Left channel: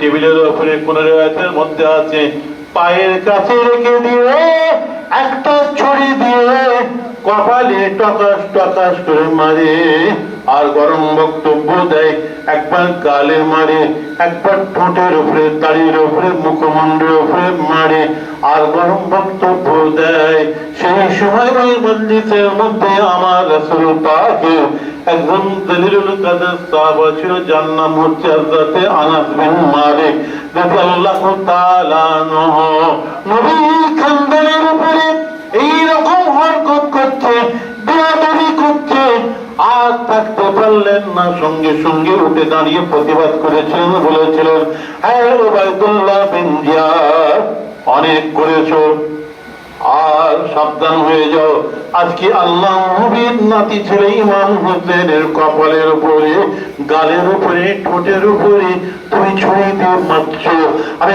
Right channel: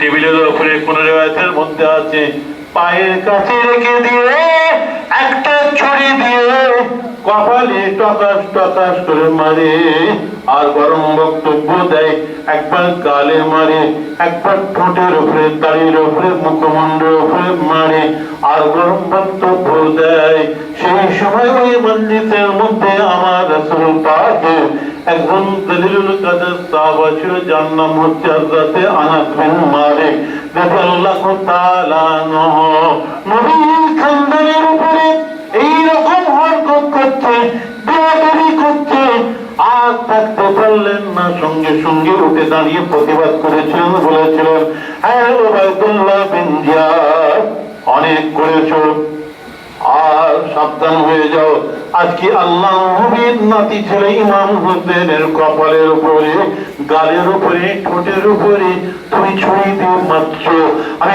টেবিলের উপরে কোন রেওয়ায়তের মধ্যে আছে, পায়ের কাছে রেখে দিয়ে, একটা ছুরি দিয়ে কপালে টকাস টকাস করে মারে, আর গরম বক্তব্য দেয়, একবার গালে মারে, একবার ঠোঁটের উপরে, দাড়ির উপরে মুখমণ্ডলের মধ্যে আমার একজন দলিলুল কাদের বিন মালিক। তাআলা নবী উপরে এই রকম হরকত আর থাকতে পারলেন না সঙ্গে সঙ্গে উঠে দাঁড়িয়ে প্রতিবাদ করেছিলেন বলেছিলেন। হ্যাঁ ওবায়দুল্লাহ বিন অনেক করেছ। আর সাবধান হয়ে যাও। আজকে আল্লাহ নাতি ছেলে ইমাম হোসেনের কপালের উপরে, গালের উপরে, ঠোঁটের উপরে তুমি দিয়ে আমি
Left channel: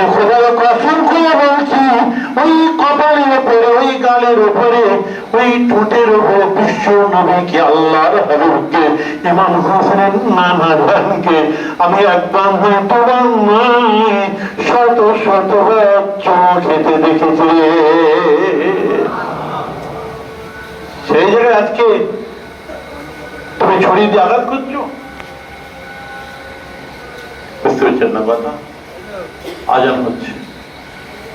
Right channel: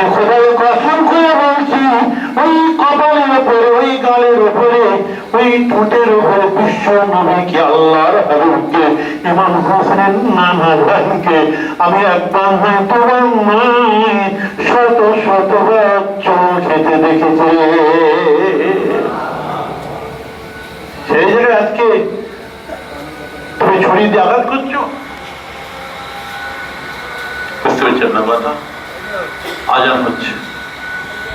কসম করে বলছি, ওই কপালের উপরে, ওই গালের উপরে, ওই ঠোঁটের উপরে বিশ্ব নবীকে, আল্লাহর হাবিবকে, ইমাম নানা আমি একবার তোমার শত শতবার খেতে দেখেছি। সেই জায়গায় আজকে তুমি ছড়ি দিয়ে আঘাত করছ। বুঝতে পারছেন না কথা? আজান হচ্ছে।